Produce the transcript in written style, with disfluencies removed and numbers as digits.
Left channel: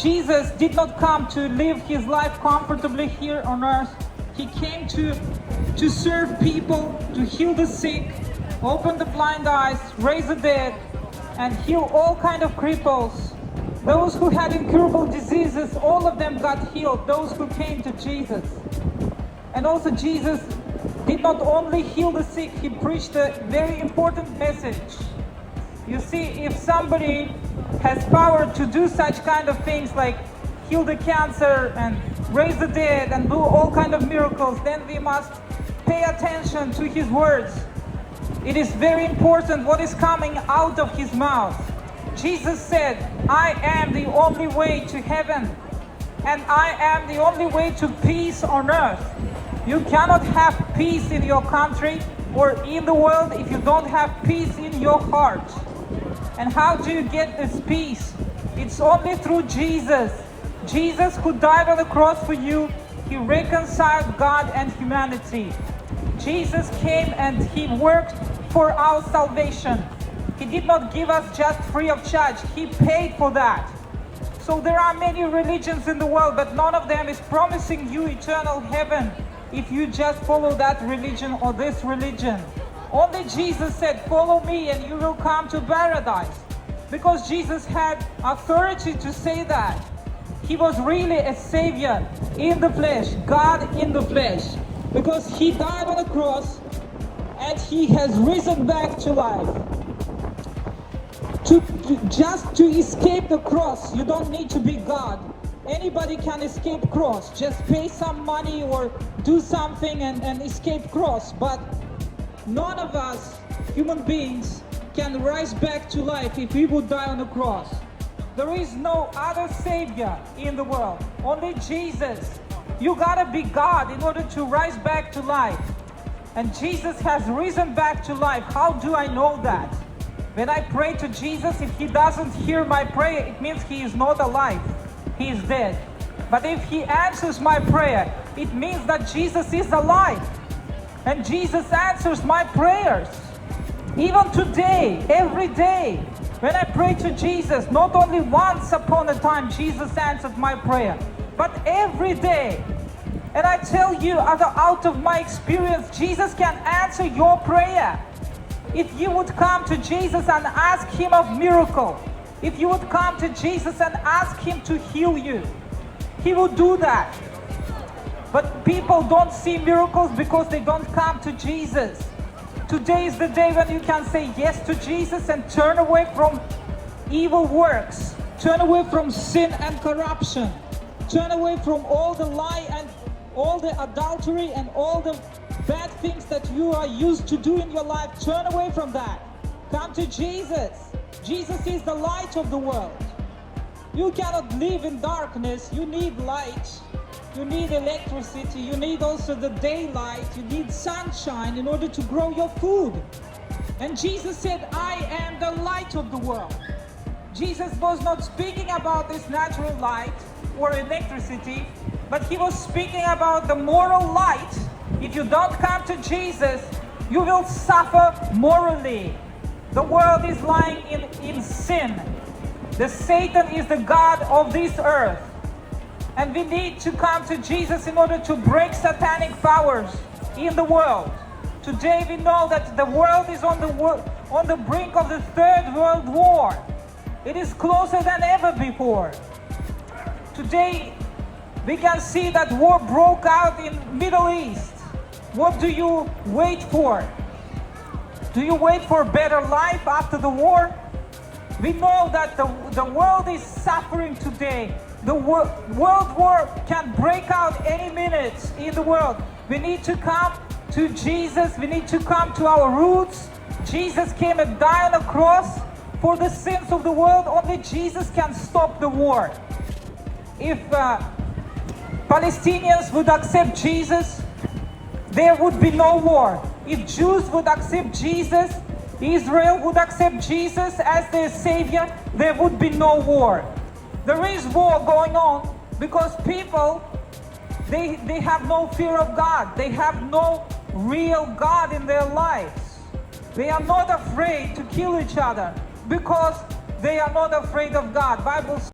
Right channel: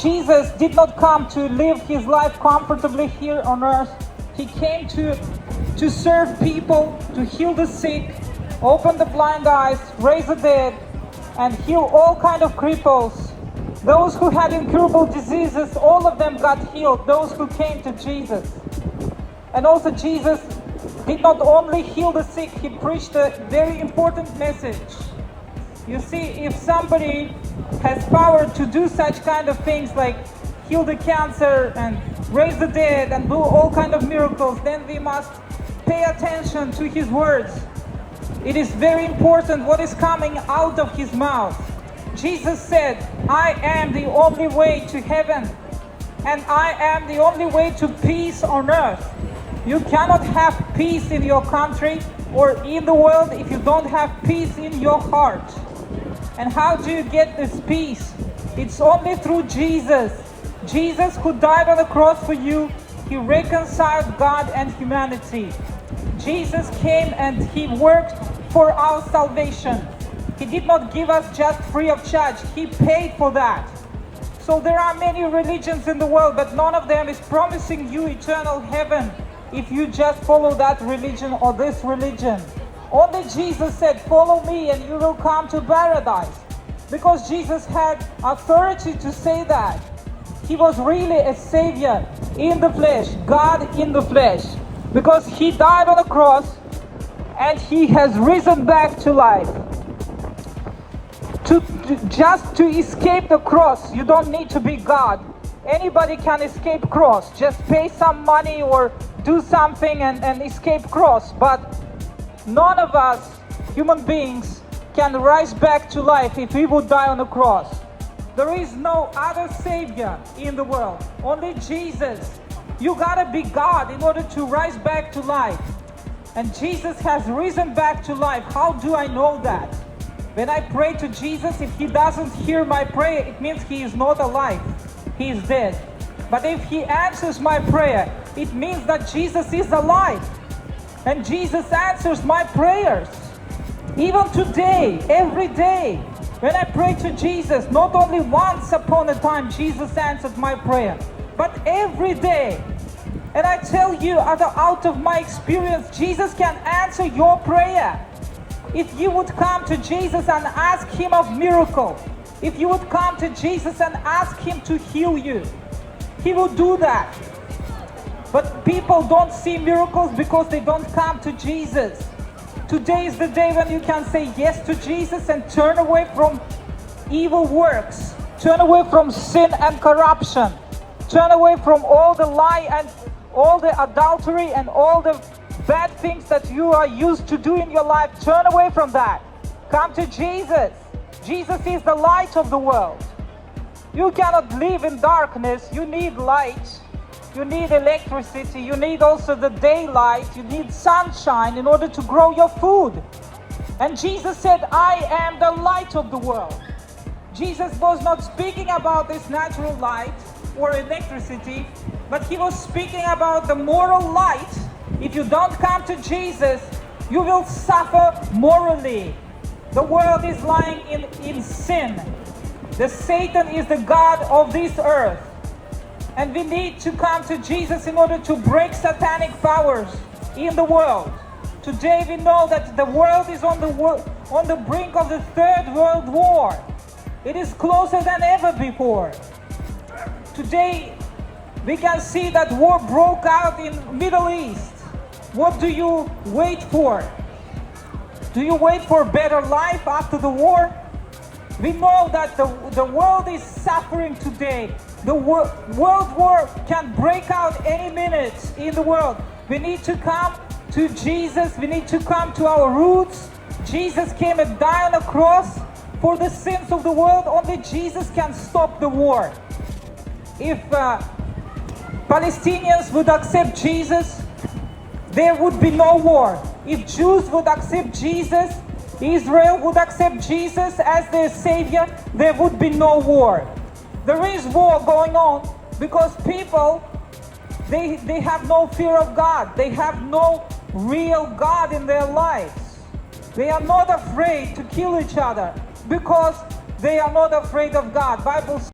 Jesus did not come to live his life comfortably here on earth. He came to serve people, to heal the sick, open the blind eyes, raise the dead, and heal all kind of cripples. Those who had incurable diseases, all of them got healed, those who came to Jesus. And also Jesus did not only heal the sick, he preached a very important message. You see, if somebody has power to do such kind of things like heal the cancer and raise the dead and do all kind of miracles, then we must pay attention to his words. It is very important what is coming out of his mouth. Jesus said, I am the only way to heaven, and I am the only way to peace on earth. You cannot have peace in your country or in the world if you don't have peace in your heart. And how do you get this peace? It's only through Jesus. Jesus who died on the cross for you, he reconciled God and humanity. Jesus came and he worked for our salvation. He did not give us just free of charge. He paid for that. So there are many religions in the world, but none of them is promising you eternal heaven if you just follow that religion or this religion. Only Jesus said, follow me and you will come to paradise. Because Jesus had authority to say that. He was really a savior in the flesh, God in the flesh. Because he died on the cross and he has risen back to life. Just to escape the cross, you don't need to be God. Anybody can escape cross. Just pay some money or do something and escape cross. But none of us, human beings, can rise back to life if we would die on the cross. There is no other savior in the world, only Jesus. You gotta be God in order to rise back to life. And Jesus has risen back to life. How do I know that? When I pray to Jesus, if he doesn't hear my prayer, it means he is not alive. He is dead. But if he answers my prayer, it means that Jesus is alive. And Jesus answers my prayers. Even today, every day, when I pray to Jesus, not only once upon a time Jesus answered my prayer, but every day. And I tell you, out of my experience, Jesus can answer your prayer. If you would come to Jesus and ask him of miracle, if you would come to Jesus and ask him to heal you, he will do that. But people don't see miracles because they don't come to Jesus. Today is the day when you can say yes to Jesus and turn away from evil works. Turn away from sin and corruption. Turn away from all the lie and all the adultery and all the bad things that you are used to do in your life. Turn away from that. Come to Jesus. Jesus is the light of the world. You cannot live in darkness. You need light. You need electricity. You need also the daylight. You need sunshine in order to grow your food. And Jesus said, I am the light of the world. Jesus was not speaking about this natural light or electricity, but he was speaking about the moral light. If you don't come to Jesus, you will suffer morally. The world is lying in sin. The Satan is the god of this earth. And we need to come to Jesus in order to break satanic powers in the world. Today we know that the world is on the brink of the Third World War. It is closer than ever before. Today we can see that war broke out in Middle East. What do you wait for? Do you wait for a better life after the war? We know that the world is suffering today. The world war can break out any minute in the world. We need to come to Jesus. We need to come to our roots. Jesus came and died on the cross for the sins of the world. Only Jesus can stop the war. If Palestinians would accept Jesus, there would be no war. If Jews would accept Jesus, Israel would accept Jesus as their savior, there would be no war. There is war going on because people, they have no fear of God. They have no real God in their lives. They are not afraid to kill each other because they are not afraid of God. Bible